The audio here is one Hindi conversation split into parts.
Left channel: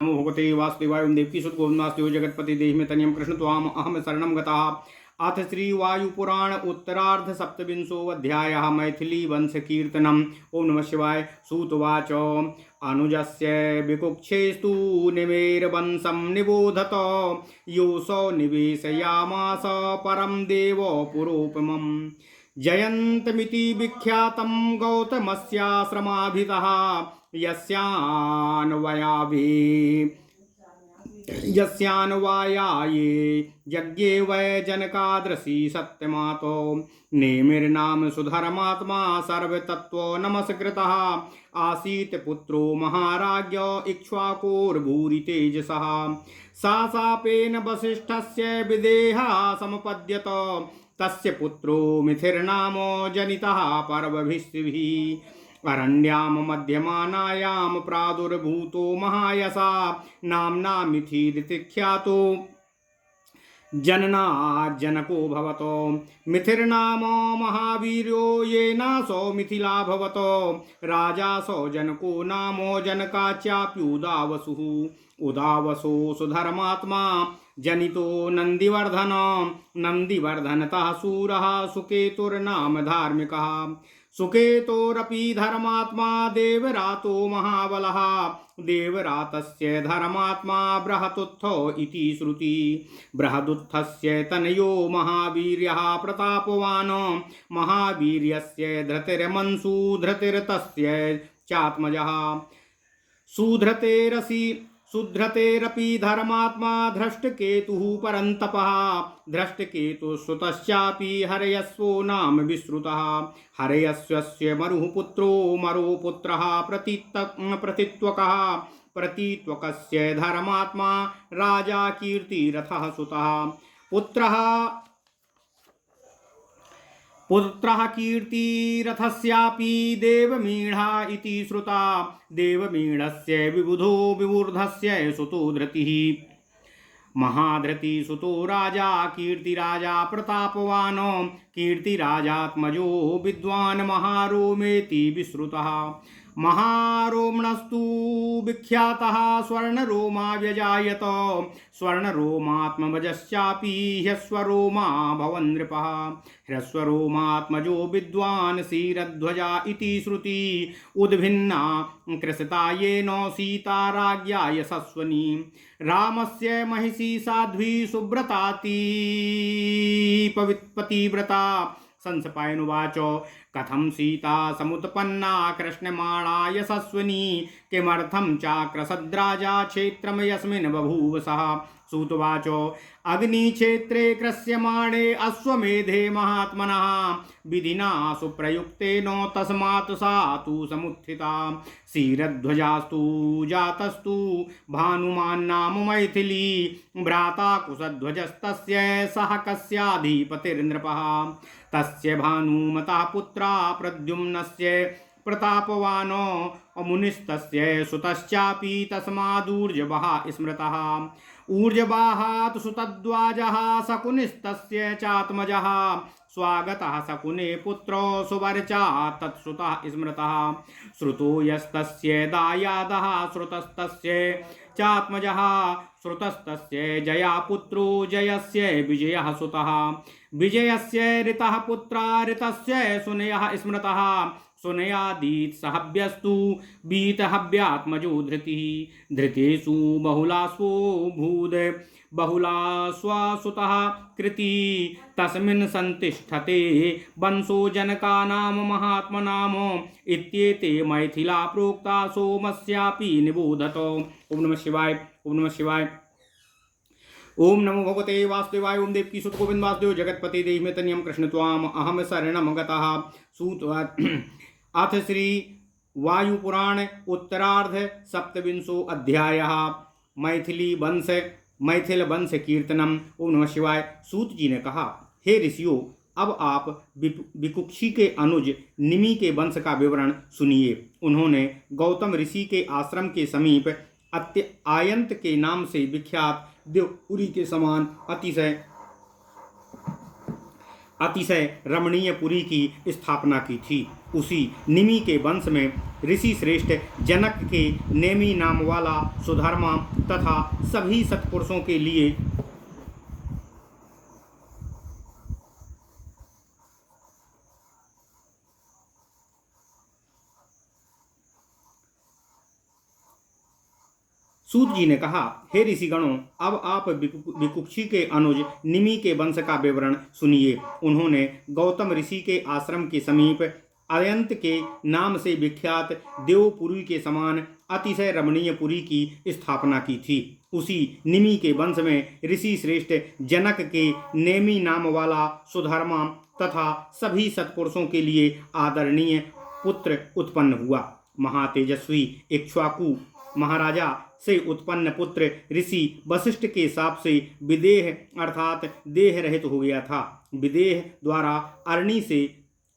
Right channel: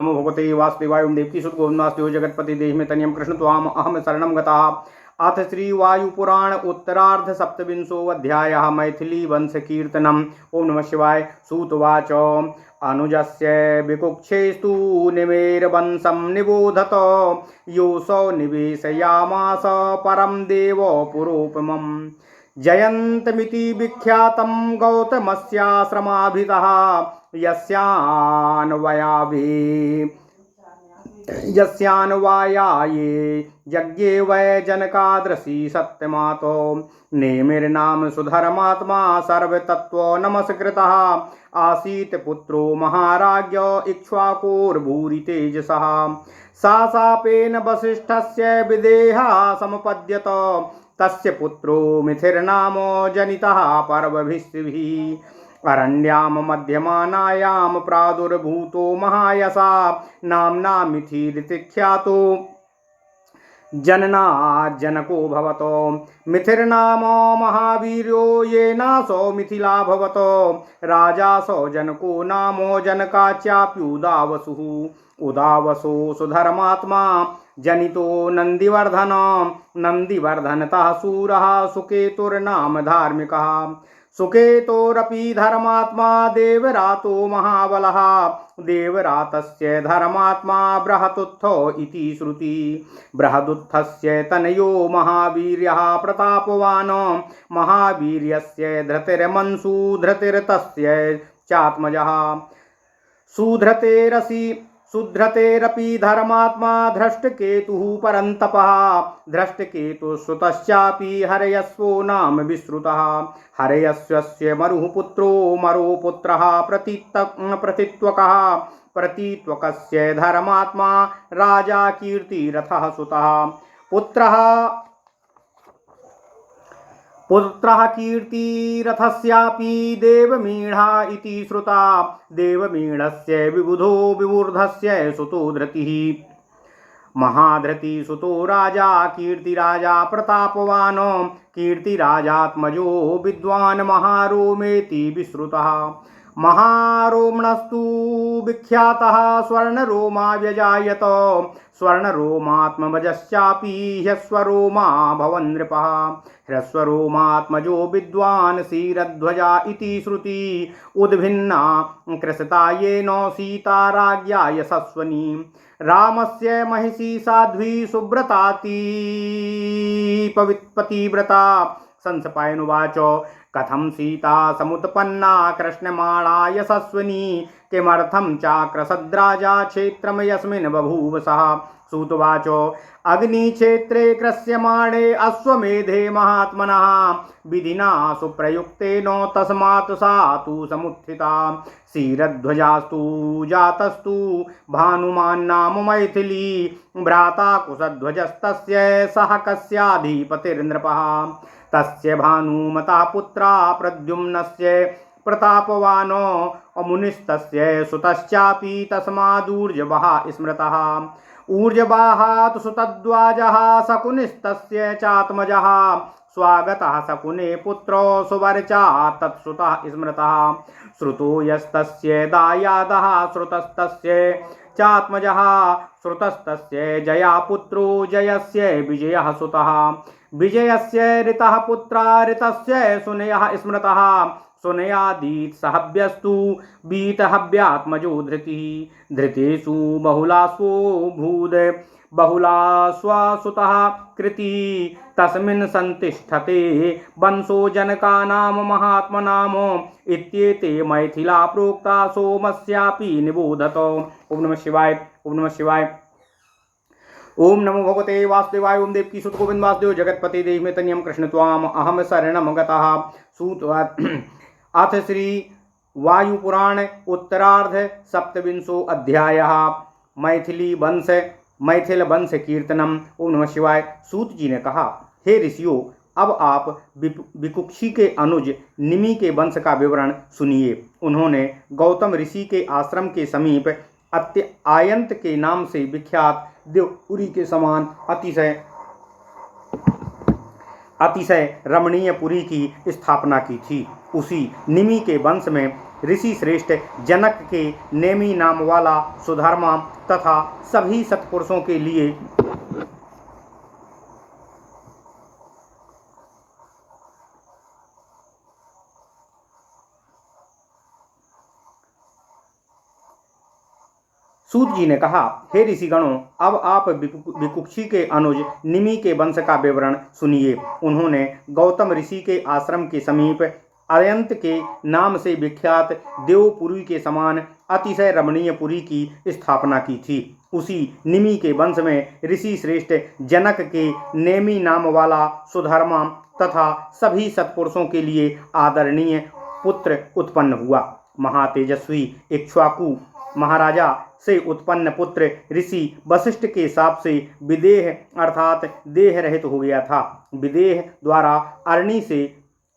नमो भगवते वासुदेवाय ओम देवकी सुत गोविंदास्यो जगतपति देहि में तनियम कृष्ण त्वाम अहम शरणम गतः। अथ श्री वायुपुराण उत्तरार्ध सप्तविंशो अध्यायः मैथिली वंश कीर्तनम। ओम नमः शिवाय। सूतवाच अनुजस्य विकुक्षेस्तु निमेरवंशं निबोधत योऽसौ निवेशयामास परं देव पुरोपमम्। जयन्तमिति विख्यातं गौतमस्याश्रमाभितः यस्यान्वयाये यज्ञे वै जनकादृशि सत्यमातो नेमिर्नाम सुधर्मात्मा सर्वतत्त्व नमस्कृतः आसीत् पुत्रो महाराज्ञ इक्ष्वाकुर्भूरि तेजसः सा शापेन वसिष्ठस्य विदेहा समपद्यत तस्य पुत्रो मिथिर्नामो जनितः पर्वभिस्त्रिभिः अरण्यां मध्यमानायां प्रादुर्भूतो महायशा नाम्ना मिथिरिति ख्यातो जनना जनको भवतो मिथिर्नामो महावीर्यो येनासो मिथिला भवतो राजा सो जनको नामो जनकाच्याप्युदावसुः उदावसो सुधर्मात्मा जनितो नंदिवर्धन नंदिवर्धनतः सूरः सुकेतुर्नाम धार्मिकः सुकेतोरपि धर्मात्मा देवरातो महाबलः देवरातस्य धर्मात्मा बृहदुत्थो इति श्रुति बृहदुत्थस्य तनयो महावीर्यः प्रतापवान् महावीर्यस्य धृतिर्मन्सु धृतिर्तस्य चात्मजः सुधृतेरपि धर्मात्मा धृष्टकेतुः परन्तपः धृष्टकेतुश्रुतश्चापि हरयस्वो नाम विश्रुतः हरयस्वस्य मरुः पुत्रो मरोपुत्रः प्रतित्वकः प्रतित्वकस्य धर्मात्मा राजा कीर्तिरथः सुतः पुत्रः कीर्तिरथस्यापि देवमीढा इति श्रुता देवमीढस्य विबुधो विवूर्धस्य सुतो धृतिः महाधृति सुतो राजा कीर्तिराजा प्रतापवान् कीर्तिराजात्मजो विद्वान् महारोमेति विश्रुतः महारोमणस्तु विख्यातः स्वर्णरोमा व्यजायत स्वर्णरोमात्मजश्चापि ह्यस्वरोमा भवन् नृपः ह्यस्वरोमात्मजो विद्वान् क्षीरध्वजा इति श्रुति उद्भिन्ना कृषता येन सीता राज्ञा यशस्वनी रामस्य महिषी साध्वी सुव्रताति पतिव्रता संसपायनुवाच कथं सीता समुत्पन्ना कृष्णमाणा यशस्विनी किमर्थं चाक्रसद्राजा क्षेत्रं यस्मिन् बभूव सः सूतवाच अग्निक्षेत्रे कृष्यमाणे अश्वमेधे महात्मनः विधिना सुप्रयुक्तेन तस्मात् सा तु समुत्थिता क्षीरध्वजास्तु जातस्तु भानुमान् नाम मैथिली भ्राता कुशध्वजस्तस्य सह कस्याधिपतिर्नृपः तस्य भानुमतः पुत्रा प्रद्युम्नस्य प्रतापवान् अमुनिस्तस्य सुतश्चापि तस्मादूर्जवः स्मृतः ऊर्जवाहात् सुतद्वाजः शकुनिस्तस्य चात्मजः स्वागतः शकुने पुत्रो सुवर्चा तत्सुतः स्मृतः श्रुतो यस्तस्य दायादः श्रुतस्तस्य चात्मजः श्रुतस्तस्य जया पुत्रो जयस्य विजयः सुतः विजयस्य ऋतः पुत्रा ऋतस्य सुनयः स्मृतः सुनयादीत् सहव्यस्तु बीतहव्यात्मजो धृतिः धृतेषु बहुलास्वो भूद बहुलास्वासुतः कृति तस्मिन् संतिष्ठते वंशो जनकानां महात्मनाम इत्येते मैथिला प्रोक्ता सोमस्यापि निबोधत। ओम नमः शिवाय। ओम नमः शिवाय। ओम नमो भगवते वासुदेवाय ओम देवकी सुत गोविंद वासुदेव जगतपति देहि में तनियम कृष्ण त्वाम अहम शरणम गतः। सूतवाच अथ श्री वायुपुराण उत्तरार्ध सप्तविंशो अध्यायः मैथिल वंश कीर्तनम। ओम नमः शिवाय। सूत जी ने कहा, हे ऋषियों, अब आप विकुक्षी के अनुज निमि के वंश का विवरण सुनिए। उन्होंने गौतम ऋषि के आश्रम के समीप आयंत के नाम से विख्यात देवपुरी के समान अतिशय रमणीय पुरी की स्थापना की थी। उसी निमि के वंश में ऋषि श्रेष्ठ जनक के नेमी नाम वाला सुधर्मा तथा सभी सत्पुरुषों के लिए सूत जी ने कहा, हे ऋषिगणों, अब आप विकुक्षी के अनुज निमि के वंश का विवरण सुनिए। उन्होंने गौतम ऋषि के आश्रम के समीप अयंत के नाम से विख्यात देवपुरी के समान अतिशय रमणीय पुरी की स्थापना की थी। उसी निमि के वंश में ऋषि श्रेष्ठ जनक के नेमी नाम वाला सुधर्मा तथा सभी सत्पुरुषों के लिए आदरणीय पुत्र उत्पन्न हुआ। महातेजस्वी इक्ष्वाकु महाराजा से उत्पन्न पुत्र ऋषि वशिष्ठ के शाप से विदेह अर्थात देह रहित हो गया था। विदेह द्वारा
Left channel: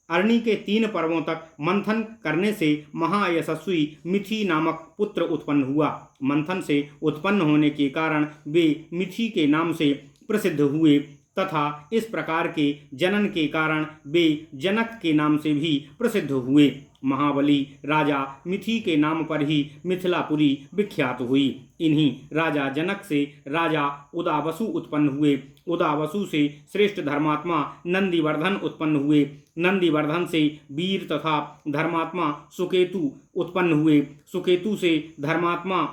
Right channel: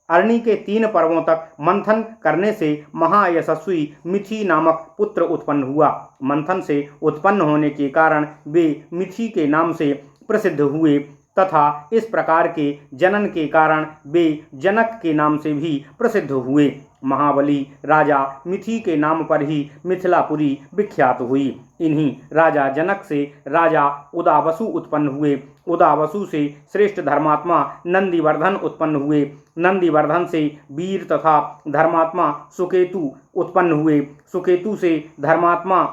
अरणी के 3 पर्वों तक मंथन करने से महायशस्वी मिथि नामक पुत्र उत्पन्न हुआ। मंथन से उत्पन्न होने के कारण वे मिथि के नाम से प्रसिद्ध हुए तथा इस प्रकार के जनन के कारण वे जनक के नाम से भी प्रसिद्ध हुए। महाबली राजा मिथि के नाम पर ही मिथिलापुरी विख्यात हुई। इन्हीं राजा जनक से राजा उदावसु उत्पन्न हुए। उदावसु से श्रेष्ठ धर्मात्मा नंदीवर्धन उत्पन्न हुए। नंदीवर्धन से वीर तथा धर्मात्मा सुकेतु उत्पन्न हुए। सुकेतु से धर्मात्मा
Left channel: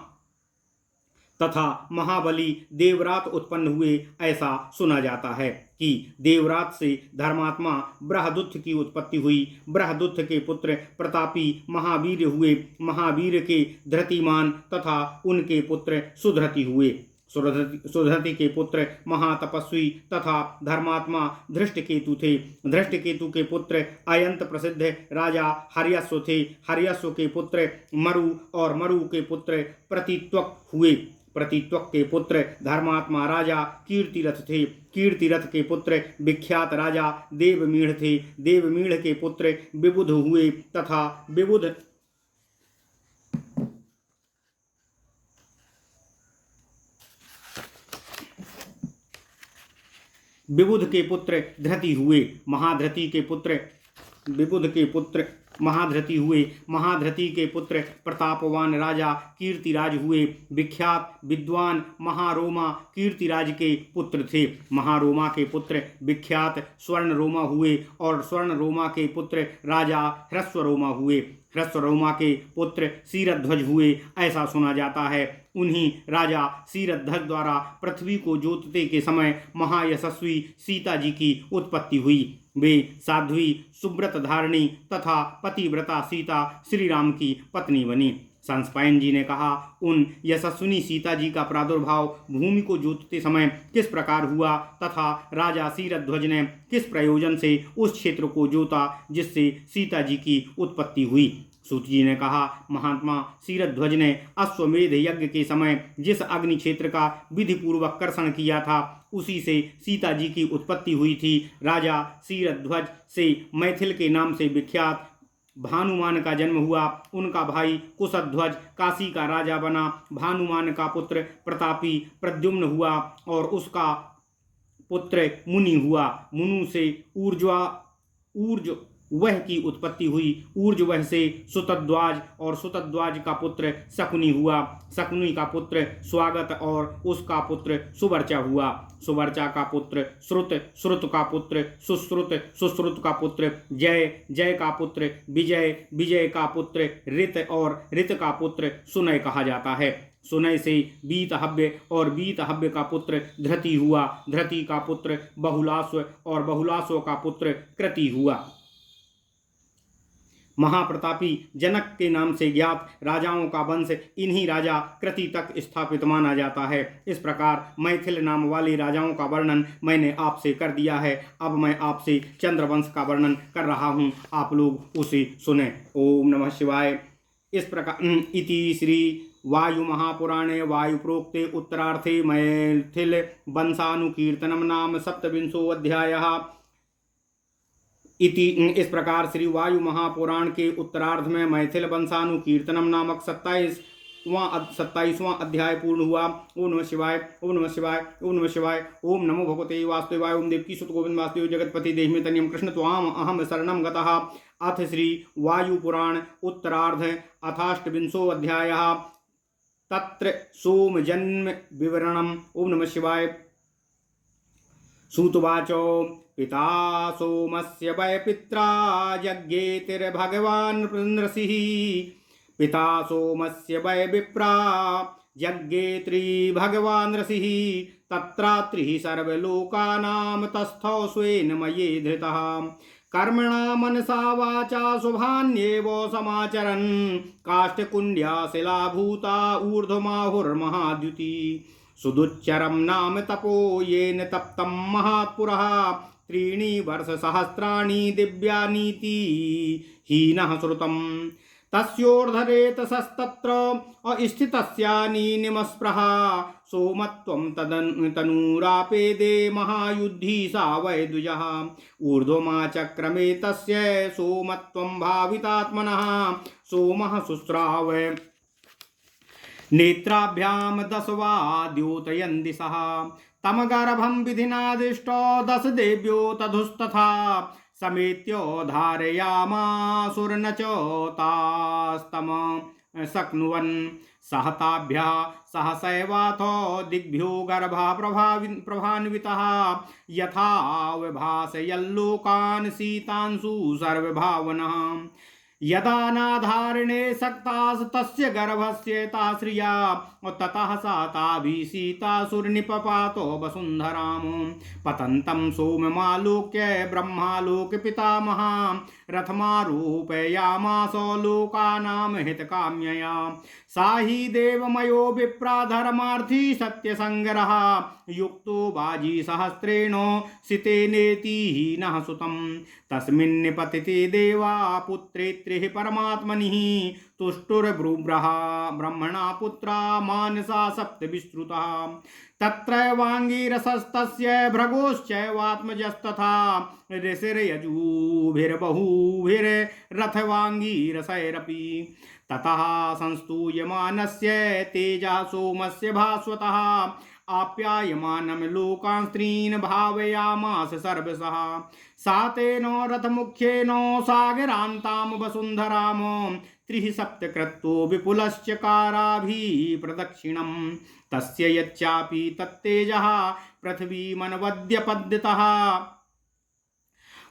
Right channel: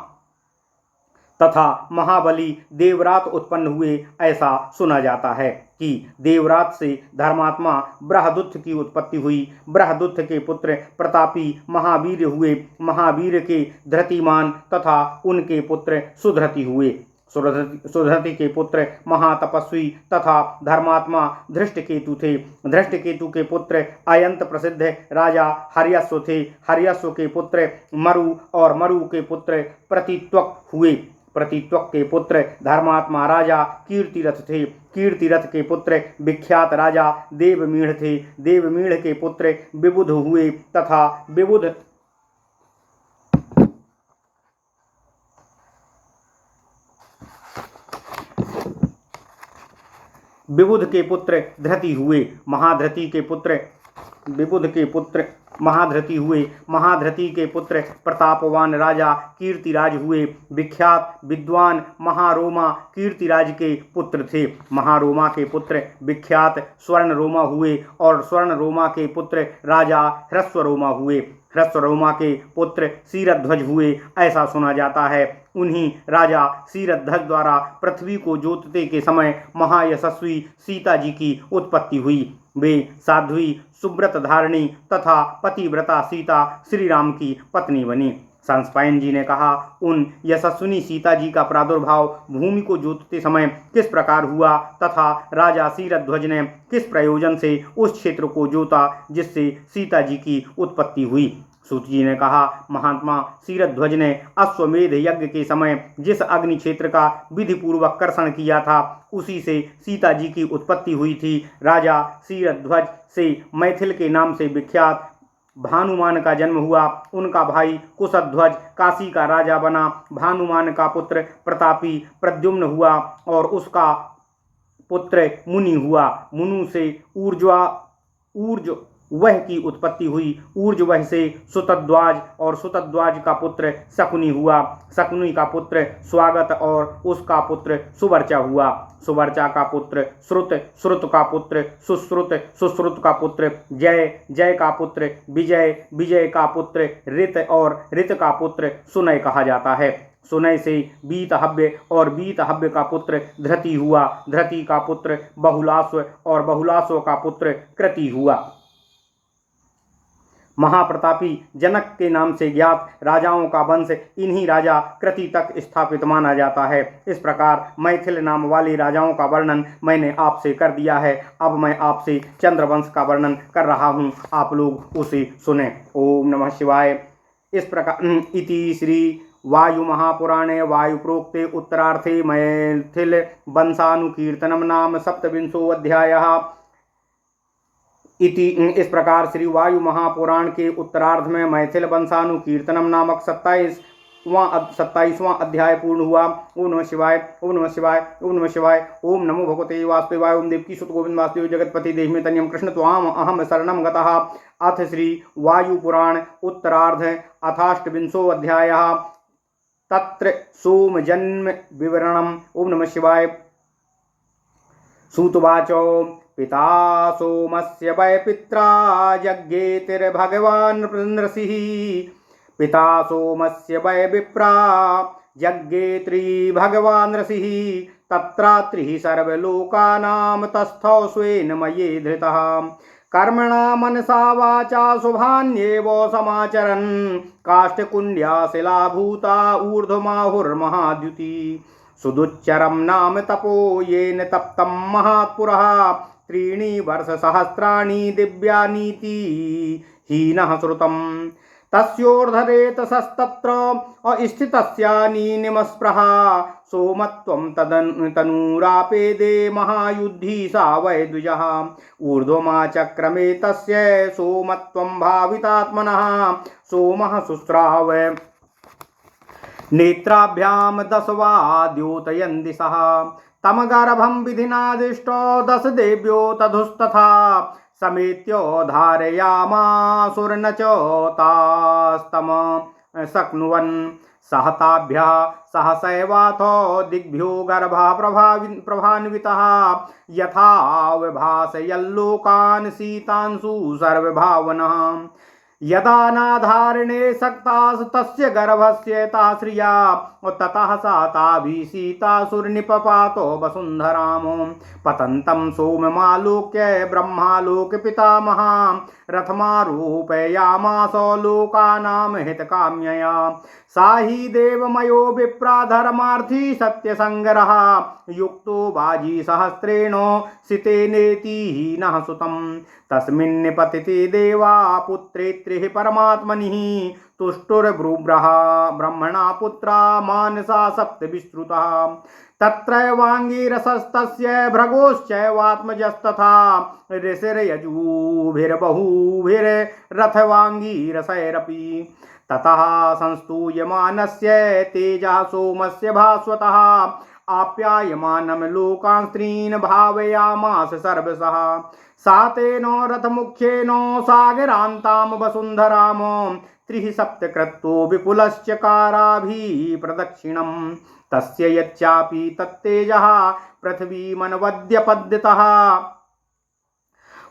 तथा महाबली देवरात उत्पन्न हुए। ऐसा सुना जाता है कि देवरात से धर्मात्मा बृहदुत्थ की उत्पत्ति हुई। बृहदुत्थ के पुत्र प्रतापी महावीर हुए। महावीर के धृतिमान तथा उनके पुत्र सुधृति हुए। सुधृति के पुत्र महातपस्वी तथा धर्मात्मा धृष्टकेतु थे। धृष्टकेतु के पुत्र अयंत प्रसिद्ध राजा हर्यस्व थे। हर्यस्व के पुत्र मरु और मरु के पुत्र प्रतित्वक हुए। प्रतित्वक के पुत्र धर्मात्मा राजा कीर्तिरथ थे। कीर्तिरथ के पुत्र विख्यात राजा देवमीढ़ थे। देवमीढ़ के पुत्र विबुध हुए तथा विबुध के पुत्र धृति हुए। महाधृति के पुत्र विबुध के पुत्र महाधृति हुए। महाधृति के पुत्र प्रतापवान राजा कीर्तिराज हुए। विख्यात विद्वान महारोमा कीर्तिराज के पुत्र थे। महारोमा के पुत्र विख्यात स्वर्णरोमा हुए और स्वर्णरोमा के पुत्र राजा ह्रस्वरोमा हुए। ह्रस्वरोमा के पुत्र क्षीरध्वज हुए। ऐसा सुना जाता है उन्हीं राजा क्षीरध्वज द्वारा पृथ्वी को जोतते के समय महायशस्वी सीता जी की उत्पत्ति हुई। वे साध्वी सुब्रत धारिणी तथा पतिव्रता सीता श्री राम की पत्नी बनी। संस्पायन जी ने कहा, उन यशस्विनी सीता जी का प्रादुर्भाव भूमि को जोतते समय किस प्रकार हुआ तथा राजा क्षीरध्वज ने किस प्रयोजन से उस क्षेत्र को जोता जिससे सीता जी की उत्पत्ति हुई। सूत जी ने कहा, महात्मा क्षीरध्वज ने अश्वमेध यज्ञ के समय जिस अग्नि क्षेत्र का विधि पूर्वक कर्षण किया था उसी से सीता जी की उत्पत्ति हुई थी। राजा क्षीरध्वज से मैथिल के नाम से विख्यात भानुमान का जन्म हुआ। उनका भाई कुशध्वज काशी का राजा बना। भानुमान का पुत्र प्रतापी प्रद्युम्न हुआ और उसका पुत्र मुनि हुआ। मुनु से ऊर्ज वह की उत्पत्ति हुई। ऊर्जवह से सुतद्वाज और सुतद्वाज का पुत्र शकुनि हुआ। शकुनि का पुत्र स्वागत और उसका पुत्र सुवर्चा हुआ। सुवर्चा का पुत्र श्रुत, श्रुत का पुत्र सुश्रुत, सुश्रुत का पुत्र जय, जय का पुत्र विजय, विजय का पुत्र ऋत और ऋत का पुत्र सुनय कहा जाता है। सुनय से बीतहव्य और बीतहव्य का पुत्र धृति हुआ। धृति का पुत्र बहुलास्व और बहुलास्व का पुत्र कृति हुआ। महाप्रतापी जनक के नाम से ज्ञात राजाओं का वंश इन्हीं राजा कृति तक स्थापित माना जाता है। इस प्रकार मैथिल नाम वाले राजाओं का वर्णन मैंने आपसे कर दिया है। अब मैं आपसे चंद्रवंश का वर्णन कर रहा हूँ, आप लोग उसे सुने। ओम नमः शिवाय। इस प्रकार इति श्री वायु महापुराणे वायु प्रोक्ते उत्तरार्थे मैथिल वंशानुकीर्तनम नाम 27वां अध्यायः। इस प्रकार श्री वायु महापुराण के उत्तरार्ध में मैथिल वंशानुकीर्तनम नामक 27वां अध्याय पूर्ण हुआ। ओम नमः शिवाय, ओम नमः शिवाय, ओम नमः शिवाय। ओम नमो भगवते वासुदेवाय। ओम देवकी सुत गोविंद वासुदेव जगतपति देहि में तनियम कृष्ण त्वाम अहम शरणम गतः। अथ श्री वायुपुराण उत्तरार्ध अथाष्टविंशो अध्यायः तत्र सोमजन्म विवरणम्। ओम नमः शिवाय। सूतवाच पिता सोमस्य वै पित्रा यज्ञेतिर्भगवान् नृसिंह। पिता सोमस्य वै विप्रा यज्ञेत्री भगवान् ऋषिः। तत्रात्रिः सर्वलोकानां तस्थौ स्वेन मये धृतः। कर्मणा मनसा वाचा शुभान्येव समाचरन् काष्ठकुण्ड्या शिलाभूता ऊर्ध्वमाहुर्महाद्युति। सुदुच्चरं नाम तपो येन तप्तं महात्पुरः। 3 वर्षसहस्राणि दिव्यानीति हीनः श्रुतम्। तस्योर्धरेतसस्तत्र अस्थितस्यानिनिमस्पृहा। सोमत्वं तनूरापेदे महायुद्धि सा वै द्विजः। ऊर्ध्वमाचक्रमे तस्य सोमत्वं भावितात्मनः। सोमः शुश्राव नेत्राभ्यां 10 वा द्योतयन् दिशः। तमगर्भं विधिनादिष्टो 10 देव्यो तधुस्तथा। समेत्य धारयामासुर्न च तास्तम शक्नुवन्। सहताभ्यः सहसैवाथो दिग्भ्यो गर्भः प्रभान्वितः। यथा विभासयल्लोकान् शीतांशु सर्वभावनः। यदा नाधारणे सक्तास् तस्य गर्भस्य ताश्रिया। ततः सा ताभिषीतासुर्निपपातो वसुन्धराम्। पतन्तं सोममालोक्य ब्रह्मालोक पितामहा। रथमारूपयामास लोकानां हितकाम्यया। सा हि देवमयो विप्रा धर्मार्थी सत्यसङ्गरः। युक्तो बाजी सहस्रेण सितेनेति हीनः सुतम्। तस्मिन्निपतिते देवा पुत्रेत्रिः परमात्मनिः। तुष्टुर्ब्रुब्रः ब्रह्मणा पुत्रा मानसा 7 विश्रुतः। तत्रैवाङ्गिरसस्तस्य भृगोश्चैवात्मजस्तथा। ऋषिर्यजूभिर्बहूभिर्रथवाङ्गिरसैरपि। ततः संस्तूयमानस्य तेजः सोमस्य भास्वतः। आप्यायमानं लोकान् स्त्रीन् भावयामास सर्वशः। सा तेन रथमुख्येन सागरान्तां वसुन्धराम। 3 सप्तक्रतो विपुलश्चकाराभिः प्रदक्षिणम्। तस्य यच्चापि तत्तेजः पृथ्वीमनवद्यपद्यतः।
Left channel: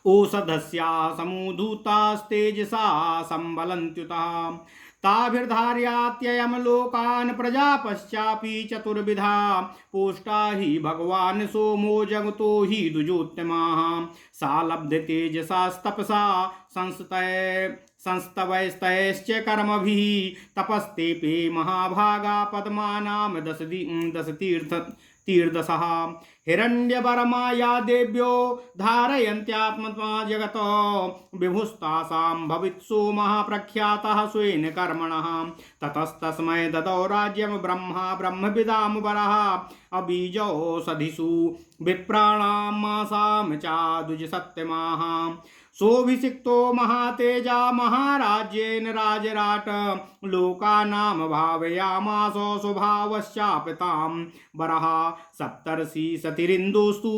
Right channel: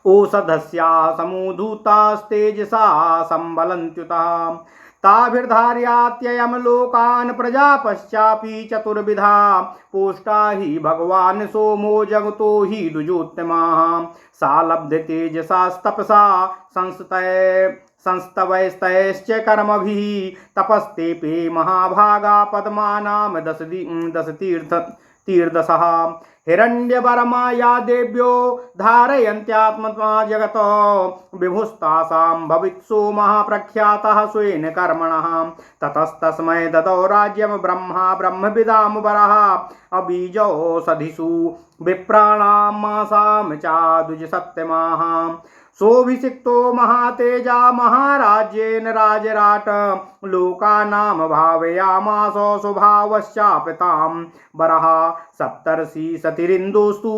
ओषधस्याः समूधूतास्तेजसा संबलन्त्युतः। ताभिर्धार्यात्ययं लोकान् प्रजापश्चापि चतुर्विधा। पोष्टा हि भगवान् सोमो जगतो हि द्विजोत्तमाः। सा लब्धतेजसास्तपसा संस्तवैस्तैश्च कर्मभिः। तपस्तेपे महाभागा पद्मानां 10 तीर्दशः। हिरण्यवर्मा या देव्यो धारयन्त्यात्मत्मा जगतो। विभुस्तासां भवित्सोमः प्रख्यातः स्वेन कर्मणः। ततस्तस्मै ददौ राज्यं ब्रह्मा ब्रह्मविदां वरः। अबीजौषधिषु विप्राणां मासां चाद्विजसत्यमाः। सोऽभिषिक्तो महातेजा महाराज्येन राजराट। लोकानां भावयामास स्वभावश्चापितां वरः। सप्तर्षि सतिरिन्दोस्तु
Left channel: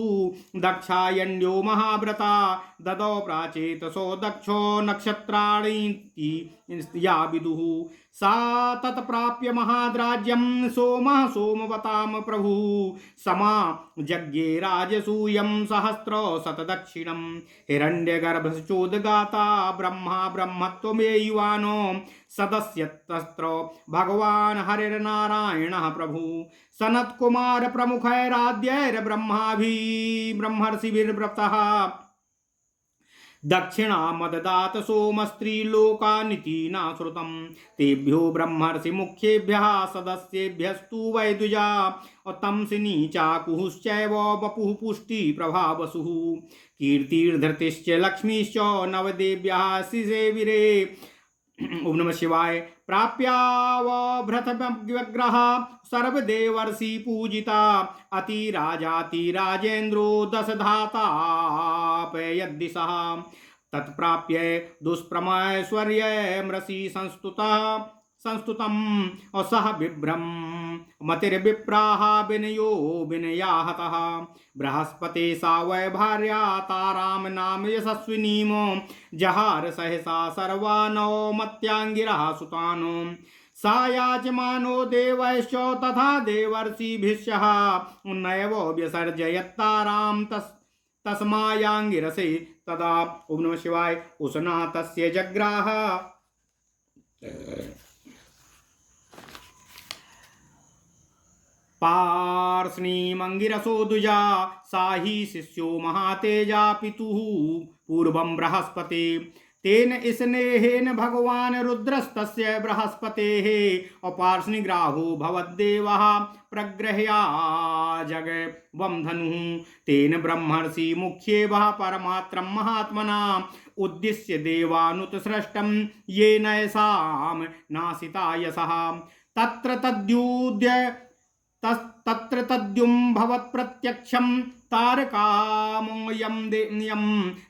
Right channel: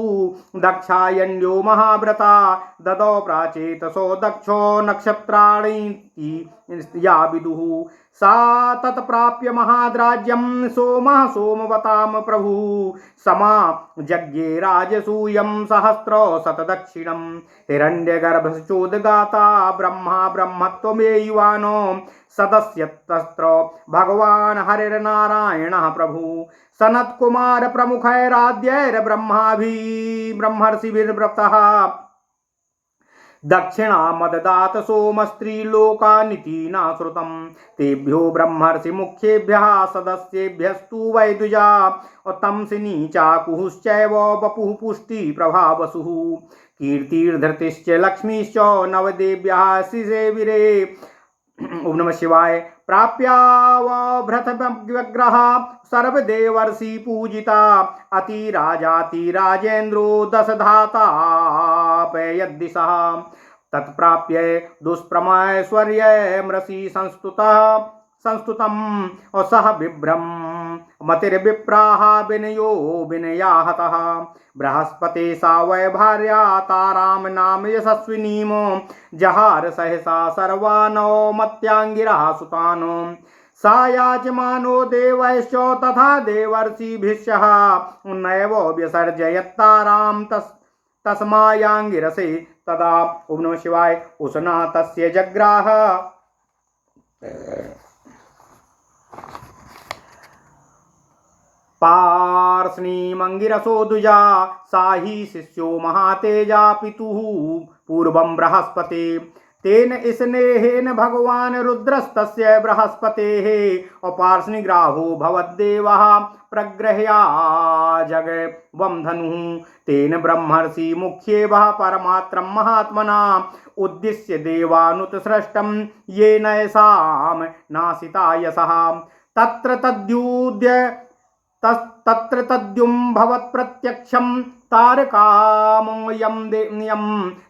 दक्षायण्यो महाव्रता। ददौ प्राचेतसो दक्षो नक्षत्राणि या विदुः। सा तत्प्राप्य महाद्राज्यं सोमः सोमवतां प्रभुः। समा यज्ञे राजसूयं 1000 हिरण्यगर्भश्चोदगाता ब्रह्मा ब्रह्मत्वमेयुवानो। सदस्यतस्त्र भगवान् हरिर्नारायणः प्रभु। सनत्कुमार प्रमुखैराद्यैर्ब्रह्माभिः ब्रह्मर्षिभिर्व्रतः। दक्षिणामददात सोमस्त्रीलोकानिति न श्रुतं। तेभ्यो ब्रह्मर्षि मुख्येभ्यः सदस्येभ्यस्तु वै द्विजा। तंसिनी चाकुश्चैव वपुः पुष्टि प्रभावसुः। कीर्तिर्धृतिश्च लक्ष्मीश्च नवदेव्यः शिसेविरे। ओम नमः शिवाय। प्राप्यावभृतव्यग्रह सर्वदेवर्षि पूजिता। अतिराजातिराजेन्द्रो 10 धातापयद्दिशः। तत्प्राप्य दुष्प्रमैश्वर्यमृषि संस्तुतं सह बिभ्रम मतिर्विप्राः विनयो विनया हतः बृहस्पते सा वै भार्या ताराम नाम यशस्विनीम जहार सहसा सर्वानो मत्यांगिरः सुतानो सा याचमानो देवैश्च तथा देवर्षिभिश्चः नैव व्यसर्जयत्तारां तस्मायांगिरसे तदा। ओम नमः शिवाय। उष्णा तस्य जग्राह पार्ष्णीमंगिरसो दुजा साही शिष्यो महातेजा पितुः पूर्वं बृहस्पते तेन स्नेहेन भगवान रुद्रस्तस्य बृहस्पतेः अपार्ष्णिग्राहो भवद्देवः प्रग्रह्या जगवं धनुः तेन ब्रह्मर्षि मुख्येवः परमात्रं महात्मना उद्दिश्य देवानुत्सृष्टं येन येषां नासिता यशः तत्र तद्युं भवत्प्रत्यक्षं तारकामयं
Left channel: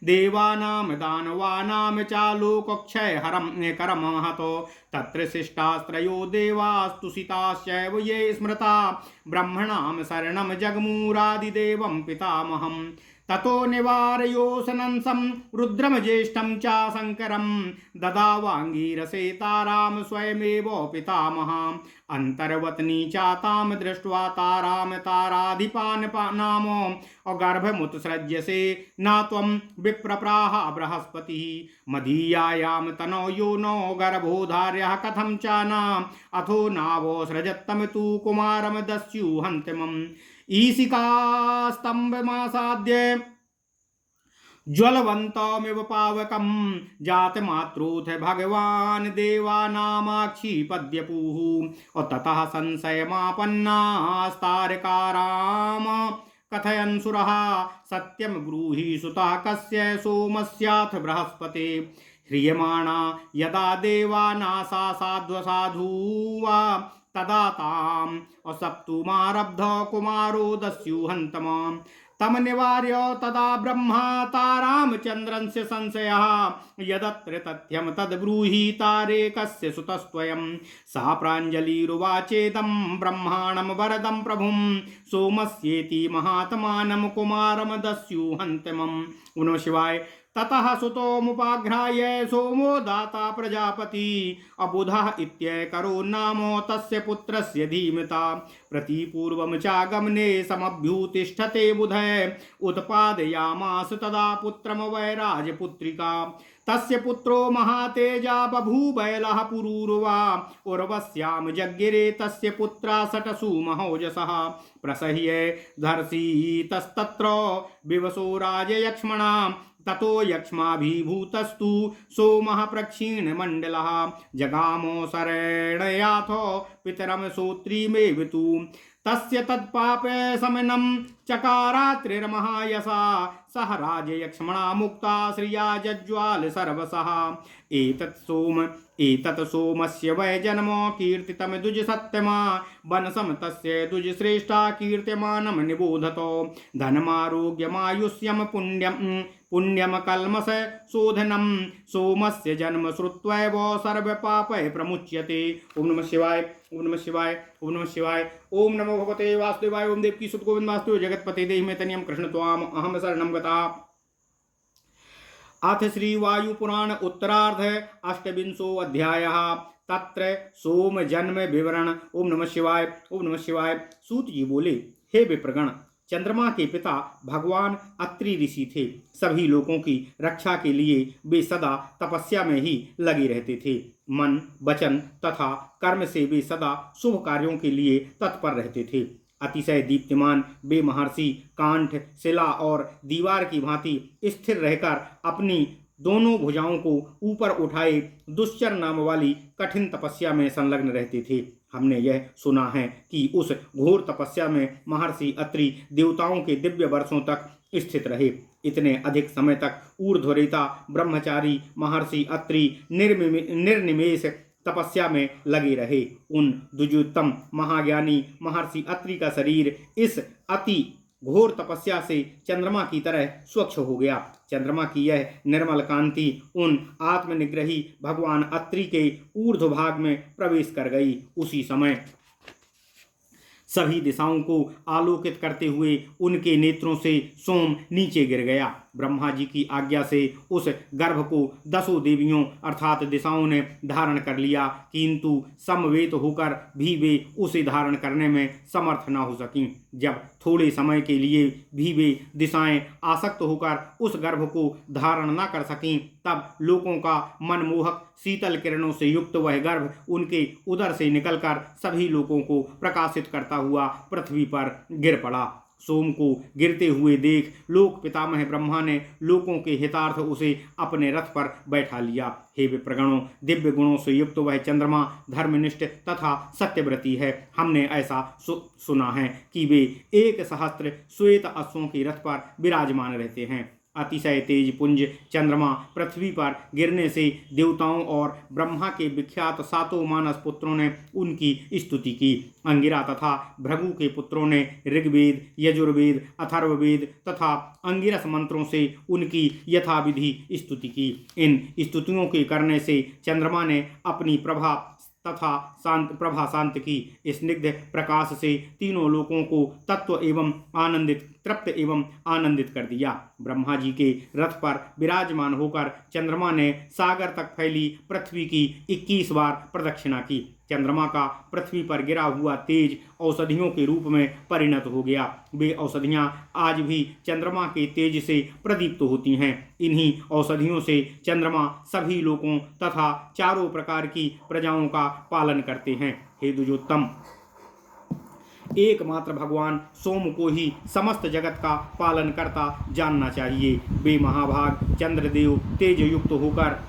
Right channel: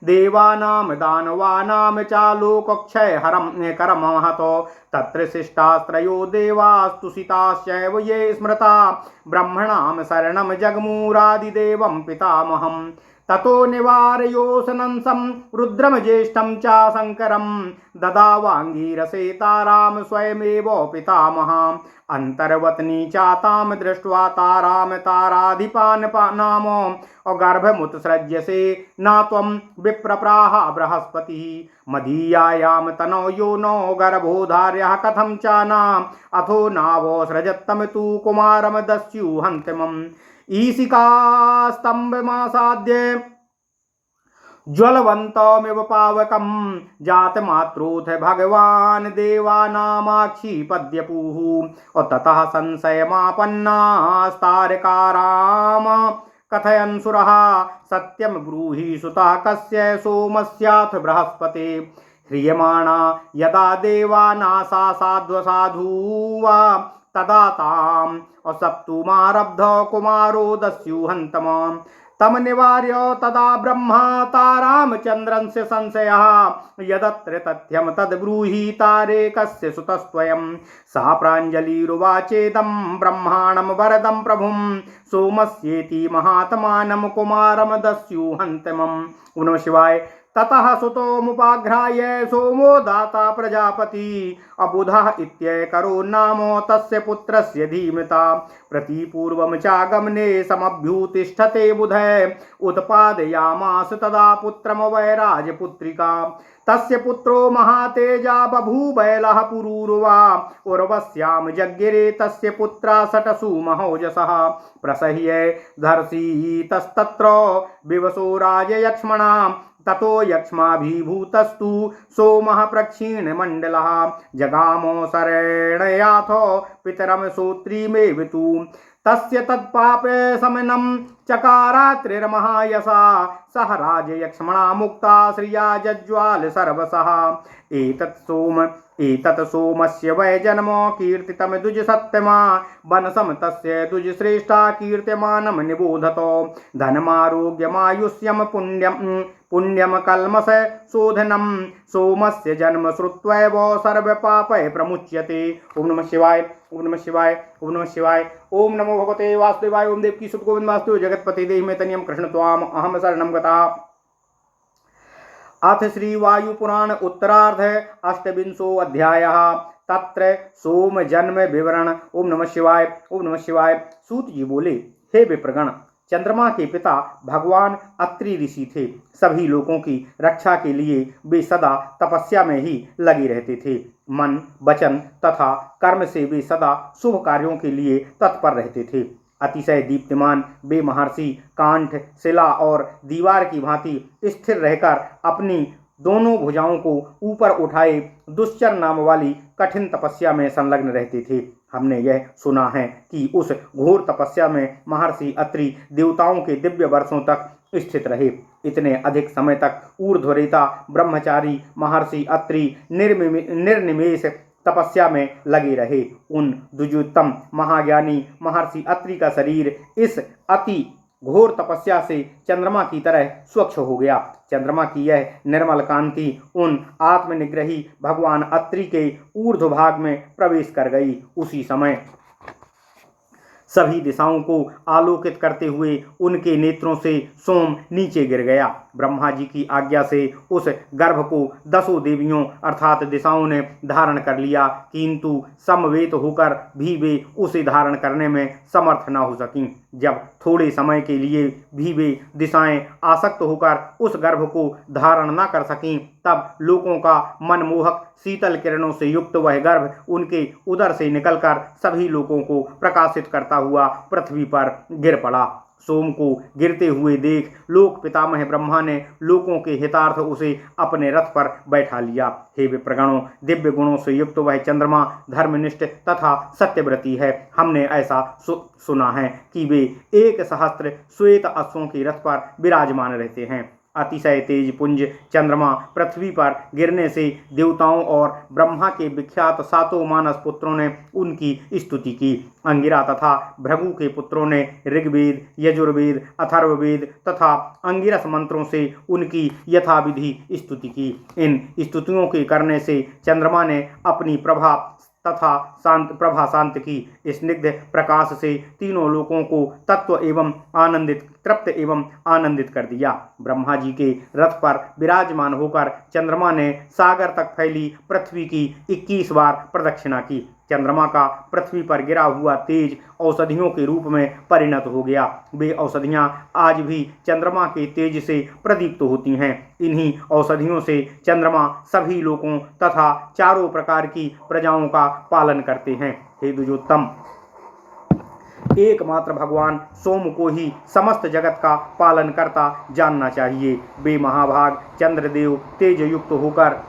देवानां दानवानां चालोकक्षयहरं करमहतो तत्र शिष्टास्त्रयो देवास्तुषिताश्चैव ये स्मृता ब्रह्मणां शरणं जगमूरादिदेवं पितामहम् ततो निवारयोऽसनंसं रुद्रम ज्येष्ठं च शङ्करं ददावाङ्गीरसे तारां स्वयमेव पितामहाम् अन्तर्वत्नी चातां दृष्ट्वा तारां ताराधिपान् नाम अगर्भमुत्सृज्यसे न त्वं विप्रप्राह बृहस्पतिः मदीयायां तनौ यो नो गर्भोधार्यः कथं च न अथो नावोसृजत्तम तु कुमारं दस्युहन्तिमम् ईशिकास्तम्भमासाद्य ज्वलवन्तमिव पावकं जातमात्रोऽथ भगवान् देवानामाक्षिपद्यपुः ततः संशयमापन्नास्तारकाराम कथयन्सुरः सत्यं ब्रूहि सुतः कस्य सोमस्याथ बृहस्पते ह्रियमाणा यदा देवानासा साध्वसाधुवा तदा ताम् असप्तुमारब्ध कुमारो दस्युहन्तमाम् तम निवार्य तदा ब्रह्मा तारामचन्द्रस्य संशयः यदत्र तथ्यं तद्ब्रूहि तारे कस्य सुतस्त्वयं सा प्राञ्जलिरुवाचेदं ब्रह्माणं वरदं प्रभुं सोमस्येति महात्मानं कुमारं दस्युहन्तमम्। ओम नमः शिवाय। ततः सुतोमुपाघ्राय सोमो दाता प्रजापति अबुधः इत्येकरो नाम तस्य पुत्रस्य धीमता प्रतिपूर्वं चागमने समभ्युतिष्ठते बुधः उत्पादयामास तदा पुत्रम वै राजपुत्रिका तस्य पुत्रो महातेजा बभूवैलः पुरूरुवा उर्वश्यां जज्ञिरे तस्य पुत्रा षट्सु महोजसः प्रसह्य धर्षितस्तत्र विवशो राजयक्ष्मणा ततो यक्ष्माभिभूतस्तु सोमः प्रक्षीणमण्डलः जगामो शरणयाथो पितरं श्रोत्रीमेव तु तस्य तत्पापे समनं चकारात्रिर्महायसा सह राजयक्ष्मणा मुक्ता श्रिया जज्ज्वाल सर्वसः एतत् सोमस्य वै जन्म कीर्तितं द्विजसत्यमा वनसं तस्य द्विजश्रेष्ठा कीर्त्यमानं निबोधतो धनमारोग्यमायुष्यं पुण्यं कल्मष शोधनं सोमस्य जन्म श्रुत्वैव सर्वपापै प्रमुच्यते। ओम नमः शिवाय। ओम नमः शिवाय। ओम नमः शिवाय। ओम नमो भगवते वासुदेवाय। ओम देवकी सुत गोविंद वासुदेव जगतपते देहि मे तनियं कृष्ण त्वाम अहम शरणं गता। अथ श्री वायुपुराण उत्तरार्ध अष्टविंशो अध्यायः तत्र सोम जन्म विवरण। ओम नमः शिवाय। ओम नमः शिवाय। सूत जी बोले, हे विप्रगण, चंद्रमा के पिता भगवान अत्रि ऋषि थे। सभी लोगों की रक्षा के लिए वे सदा तपस्या में ही लगे रहते थे। मन, वचन तथा कर्म से वे सदा शुभ कार्यों के लिए तत्पर रहते थे। अतिशय दीप्तिमान वे महर्षि कांठ, शिला और दीवार की भांति स्थिर रहकर अपनी दोनों भुजाओं को ऊपर उठाए दुश्चर नाम वाली कठिन तपस्या में संलग्न रहते थे। हमने यह सुना है कि उस घोर तपस्या में महर्षि अत्रि देवताओं के दिव्य वर्षों तक स्थित रहे। इतने अधिक समय तक ऊर्ध्वरेता ब्रह्मचारी महर्षि अत्रि निर्निमेष तपस्या में लगे रहे। उन द्विजोत्तम महाज्ञानी महर्षि अत्रि का शरीर इस अति घोर तपस्या से चंद्रमा की तरह स्वच्छ हो गया। चंद्रमा की यह निर्मल कांति उन आत्मनिग्रही भगवान अत्रि के ऊर्ध्व भाग में प्रवेश कर गई। उसी समय सभी दिशाओं को आलोकित करते हुए उनके नेत्रों से सोम नीचे गिर गया। ब्रह्मा जी की आज्ञा से उस गर्भ को 10 देवियों अर्थात दिशाओं ने धारण कर लिया, किंतु समवेत होकर भी वे उसे धारण करने में समर्थ न हो सकीं। जब थोड़े समय के लिए भी वे दिशाएं आसक्त होकर उस गर्भ को धारण न कर सकीं, तब लोगों का मनमोहक शीतल किरणों से युक्त वह गर्भ उनके उदर से निकलकर सभी लोगों को प्रकाशित करता हुआ पृथ्वी पर गिर पड़ा। सोम को गिरते हुए देख लोक पितामह ब्रह्मा ने लोगों के हितार्थ उसे अपने रथ पर बैठा लिया। हे विप्रगणों, दिव्य गुणों से युक्त वह चंद्रमा धर्मनिष्ठ तथा सत्यव्रती है। हमने ऐसा सुना है कि वे 1 सहस्त्र श्वेत अश्वों के रथ पर विराजमान रहते हैं। अतिशय तेज पुंज चंद्रमा पृथ्वी पर गिरने से देवताओं और ब्रह्मा के विख्यात 7 मानस पुत्रों ने उनकी स्तुति की। अंगिरा तथा भृगु के पुत्रों ने ऋग्वेद, यजुर्वेद, अथर्ववेद तथा अंगिरस मंत्रों से उनकी यथाविधि स्तुति की। इन स्तुतियों के करने से चंद्रमा ने अपनी प्रभा शांत की। स्निग्ध प्रकाश से तीनों लोगों को तृप्त एवं आनंदित कर दिया। ब्रह्मा जी के रथ पर विराजमान होकर चंद्रमा ने सागर तक फैली पृथ्वी की 21 बार प्रदक्षिणा की। चंद्रमा का पृथ्वी पर गिरा हुआ तेज औषधियों के रूप में परिणत हो गया। वे औषधियां आज भी चंद्रमा के तेज से प्रदीप्त होती हैं। इन्हीं औषधियों से चंद्रमा सभी लोगों तथा चारों प्रकार की प्रजाओं का पालन करते हैं। हे द्विजोत्तम, एकमात्र भगवान सोम को ही समस्त जगत का पालन करता जानना चाहिए। वे महाभाग चंद्रदेव तेज युक्त होकर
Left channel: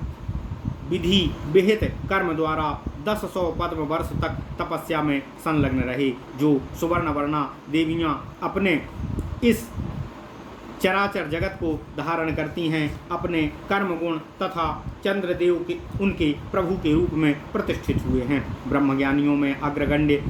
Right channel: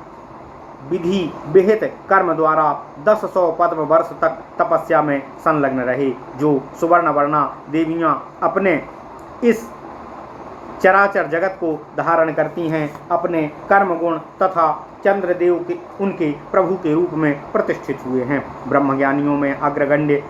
विधि विहित कर्म द्वारा 1000 पद्म वर्ष तक तपस्या में संलग्न रहे। जो सुवर्ण वर्णा देवियां अपने इस चराचर जगत को धारण करती हैं, अपने कर्म गुण तथा चंद्रदेव के उनके प्रभु के रूप में प्रतिष्ठित हुए हैं। ब्रह्मज्ञानियों में अग्रगण्य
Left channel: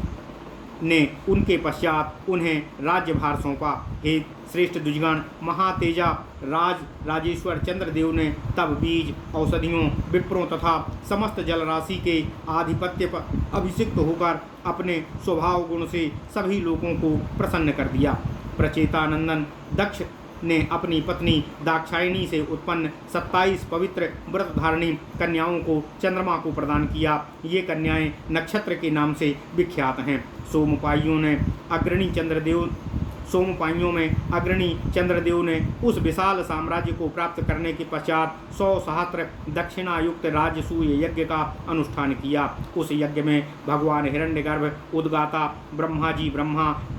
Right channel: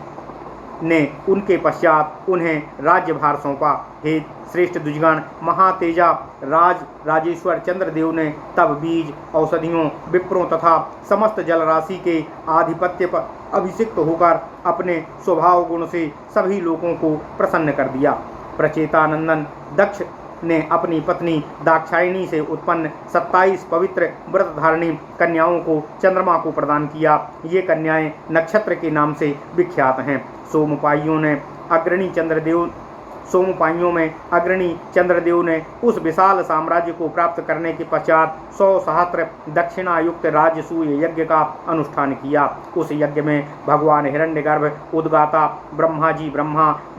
ने उनके पश्चात उन्हें राज्यभार सौंपा। हे श्रेष्ठ द्विजगण, महातेजा राजेश्वर चंद्रदेव ने तब बीज, औषधियों, विप्रों तथा समस्त जलराशि के आधिपत्य पर अभिषिक्त होकर अपने स्वभाव गुण से सभी लोगों को प्रसन्न कर दिया। प्रचेतानंदन दक्ष ने अपनी पत्नी दाक्षायणी से उत्पन्न 27 पवित्र व्रत धारणी कन्याओं को चंद्रमा को प्रदान किया। ये कन्याएं नक्षत्र के नाम से विख्यात हैं। सोमपाइयों में अग्रणी चंद्रदेव ने उस विशाल साम्राज्य को प्राप्त करने के पश्चात 100 सहस्त्र दक्षिणायुक्त राजसूय यज्ञ का अनुष्ठान किया। उस यज्ञ में भगवान हिरण्यगर्भ, उद्गाता ब्रह्मा,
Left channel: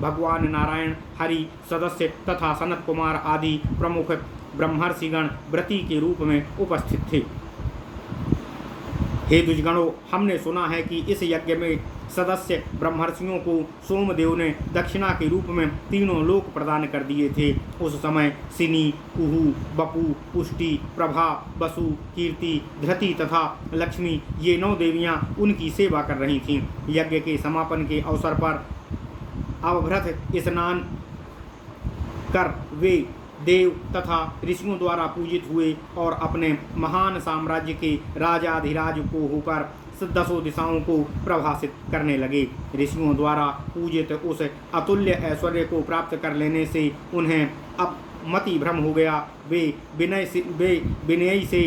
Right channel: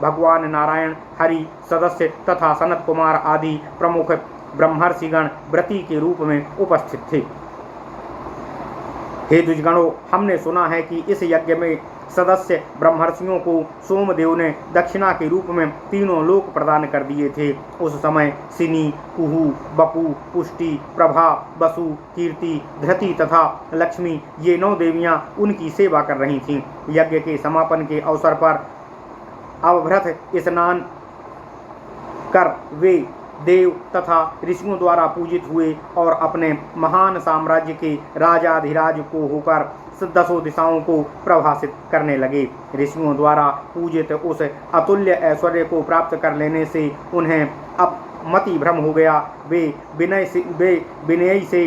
भगवान नारायण, हरि, सदस्य तथा सनत कुमार आदि प्रमुख ब्रह्मर्षिगण व्रती के रूप में उपस्थित थे। हे द्विजगणों, हमने सुना है कि इस यज्ञ में सदस्य ब्रह्मर्षियों को सोमदेव ने दक्षिणा के रूप में 3 लोक प्रदान कर दिए थे। उस समय सिनी, कुहू, बपू, पुष्टि, प्रभा, वसु, कीर्ति, धृति तथा लक्ष्मी ये 9 देवियां उनकी सेवा कर रही थीं। यज्ञ के समापन के अवसर पर अवभृत स्नान कर वे देव तथा ऋषियों द्वारा पूजित हुए और अपने महान साम्राज्य के राजाधिराज को होकर 10 दिशाओं को प्रभाषित करने लगे। ऋषियों द्वारा पूजित उस अतुल्य ऐश्वर्य को प्राप्त कर लेने से उन्हें अब मति भ्रम हो गया। वे विनयी से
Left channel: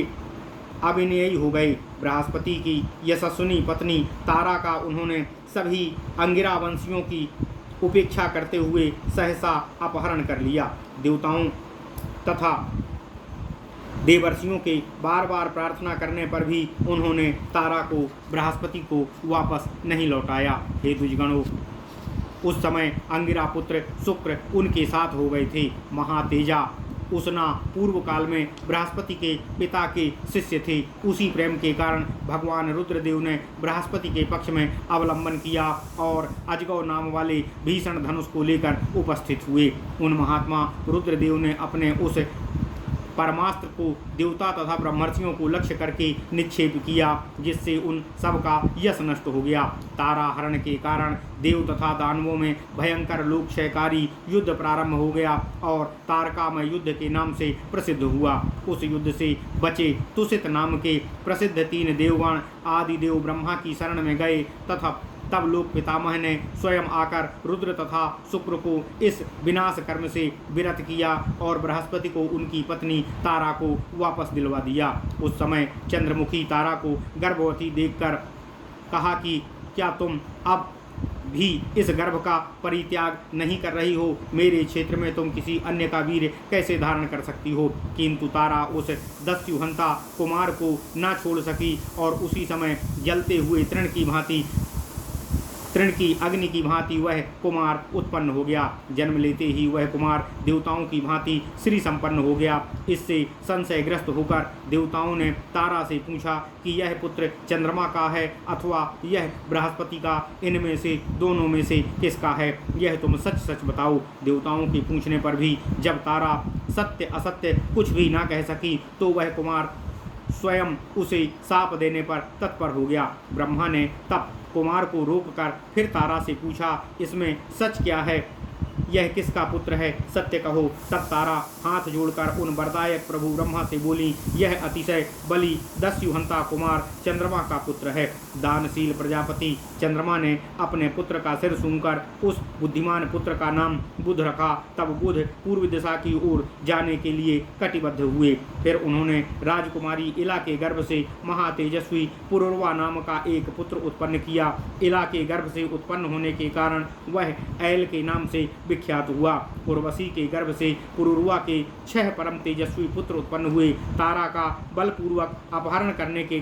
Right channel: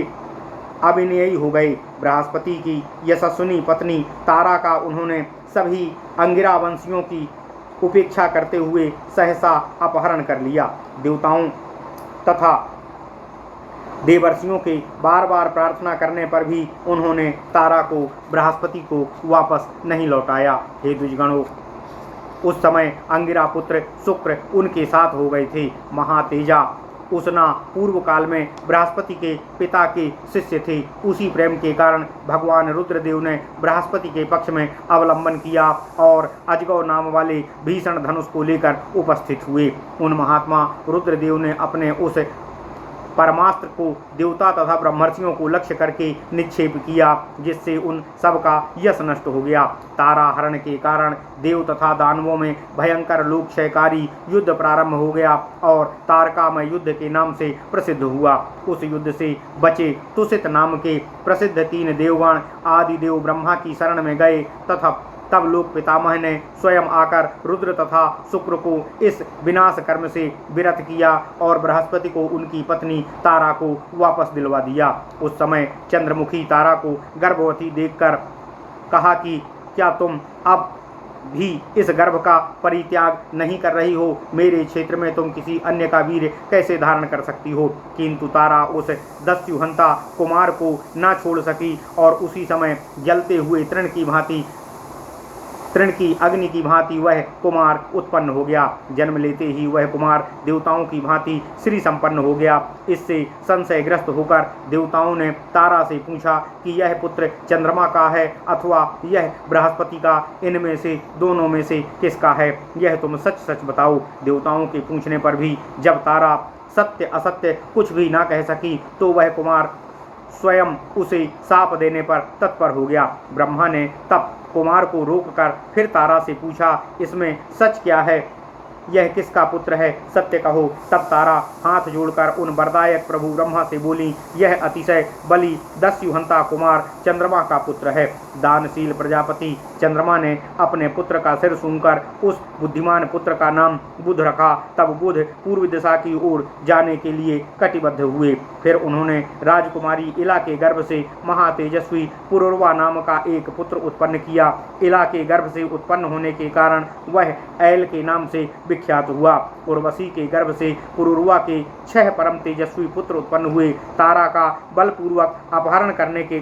अविनयी हो गए। बृहस्पति की यशस्विनी पत्नी तारा का उन्होंने सभी अंगिरा वंशियों की उपेक्षा करते हुए सहसा अपहरण कर लिया। देवताओं तथा देवर्षियों के बार बार प्रार्थना करने पर भी उन्होंने तारा को, बृहस्पति को वापस नहीं लौटाया। हे द्विजगणों, उस समय अंगिरा पुत्र शुक्र उनके साथ हो गए थे। महातेजा उसना पूर्व काल में बृहस्पति के पिता के शिष्य थे। उसी प्रेम के कारण भगवान रुद्रदेव ने बृहस्पति के पक्ष में अवलंबन किया और अजगौ नाम वाले भीषण धनुष को लेकर उपस्थित हुए। उन महात्मा रुद्रदेव ने अपने उस परमास्त्र को देवता तथा ब्रह्मर्षियों को लक्ष्य करके निक्षेप किया, जिससे उन सब का यश नष्ट हो गया। तारा हरण के कारण देव तथा दानवों में भयंकर लोकक्षयकारी युद्ध प्रारंभ हो गया और तारकामय युद्ध के नाम से प्रसिद्ध हुआ। उस युद्ध से बचे तुषित नाम के प्रसिद्ध 3 देवगण आदि देव ब्रह्मा की शरण में गए तथा तब लोक पितामह ने स्वयं आकर रुद्र तथा शुक्र को इस विनाश कर्म से विरत किया और बृहस्पति को उनकी पत्नी तारा को वापस दिलवा दिया। उस समय चंद्रमुखी तारा को गर्भवती देखकर कहा कि क्या तुम अब भी इस गर्भ का परित्याग नहीं कर रही हो? मेरे क्षेत्र में तुम किसी अन्य का वीर कैसे धारण कर सकती हो? किंतु तारा उस दस्युहंता कुमार को न छोड़ सकी और उसी समय जलते हुए तृण की अग्नि की भांति वह कुमार उत्पन्न हो गया। जन्म लेते ही वह कुमार देवताओं की भांति श्री संपन्न हो गया। इससे संशयग्रस्त होकर देवताओं ने तारा से पूछा कि यह पुत्र चंद्रमा का है अथवा यह बृहस्पति का, इनमें से दोनों में से किसका है? यह तुम सच सच बताओ। देवताओं के पूछने पर भी जब तारा सत्य असत्य कुछ भी ना कह सकी तो वह कुमार स्वयं उसे साप देने पर तत्पर हो गया। ब्रह्मा ने तब कुमार को रोककर फिर तारा से पूछा, इसमें सच क्या है? यह किसका पुत्र है? सत्य कहो। तब तारा हाथ जोड़कर उन वरदायक प्रभु ब्रह्मा से बोली, यह अतिशय बलि दस्युहंता कुमार चंद्रमा का पुत्र है। दानशील प्रजापति चंद्रमा ने अपने पुत्र का सिर सूंघकर उस बुद्धिमान पुत्र का नाम बुध रखा। तब बुध पूर्व दिशा की ओर जाने के लिए कटिबद्ध हुए। फिर उन्होंने राजकुमारी इला के गर्भ से महातेजस्वी पुरुरवा नाम का एक पुत्र उत्पन्न किया। इला के गर्भ से उत्पन्न होने के कारण वह ऐल के नाम से विख्यात हुआ। उर्वशी के गर्भ से पुरुरवा के 6 परम तेजस्वी पुत्र उत्पन्न हुए। तारा का बलपूर्वक अपहरण करने के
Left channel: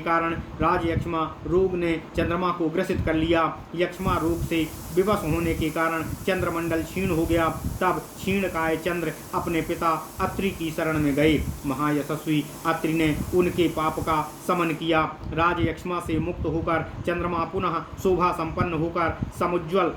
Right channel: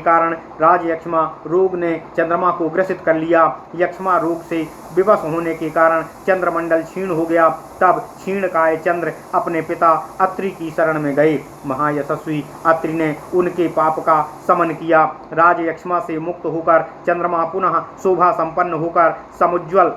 कारण राजयक्ष्मा रोग ने चंद्रमा को ग्रसित कर लिया। यक्ष्मा रोग से विवश होने के कारण चंद्रमंडल क्षीण हो गया। तब क्षीणकाय चंद्र अपने पिता अत्रि की शरण में गए। महायशस्वी अत्रि ने उनके पाप का समन किया। राजयक्ष्मा से मुक्त होकर चंद्रमा पुनः शोभा संपन्न होकर समुज्ज्वल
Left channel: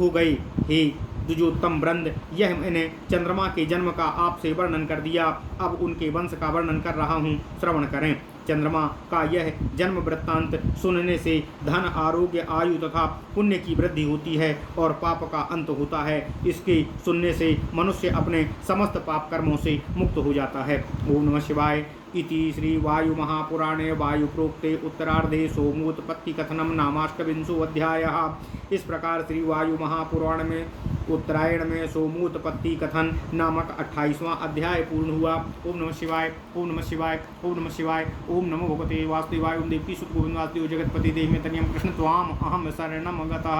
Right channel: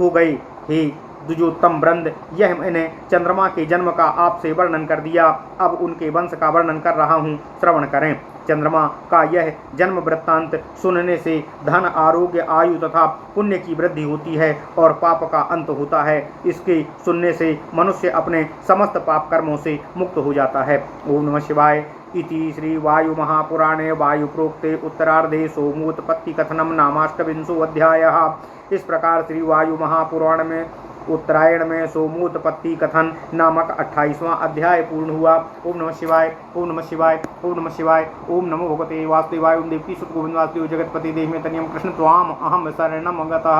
हो गए। हे द्विजोत्तम वृंद, यह मैंने चंद्रमा के जन्म का आपसे वर्णन कर दिया। अब उनके वंश का वर्णन कर रहा हूँ, श्रवण करें। चंद्रमा का यह जन्म वृत्तांत सुनने से धन, आरोग्य, आयु तथा पुण्य की वृद्धि होती है और पाप का अंत होता है। इसके सुनने से मनुष्य अपने समस्त पाप कर्मों से मुक्त हो जाता है। ओम नमः शिवाय। इति श्री वायु महापुराणे वायु प्रोक्ते उत्तरार्धे सोमोत्पत्ति कथनम नामाष्टविंशो अध्यायः। इस प्रकार श्री वायु महापुराण में उत्तरायण में सोमोत्पत्ति कथन नामक 28वां अध्याय पूर्ण हुआ। ओम नमः शिवाय। ओम नमः शिवाय। ओम नमः शिवाय। ओम नमो भगवते वासुदेवाय। ओम देवकी सुत गोविंद वासुदेव जगतपति देहि में तनियम कृष्ण त्वाम अहम शरणम गतः।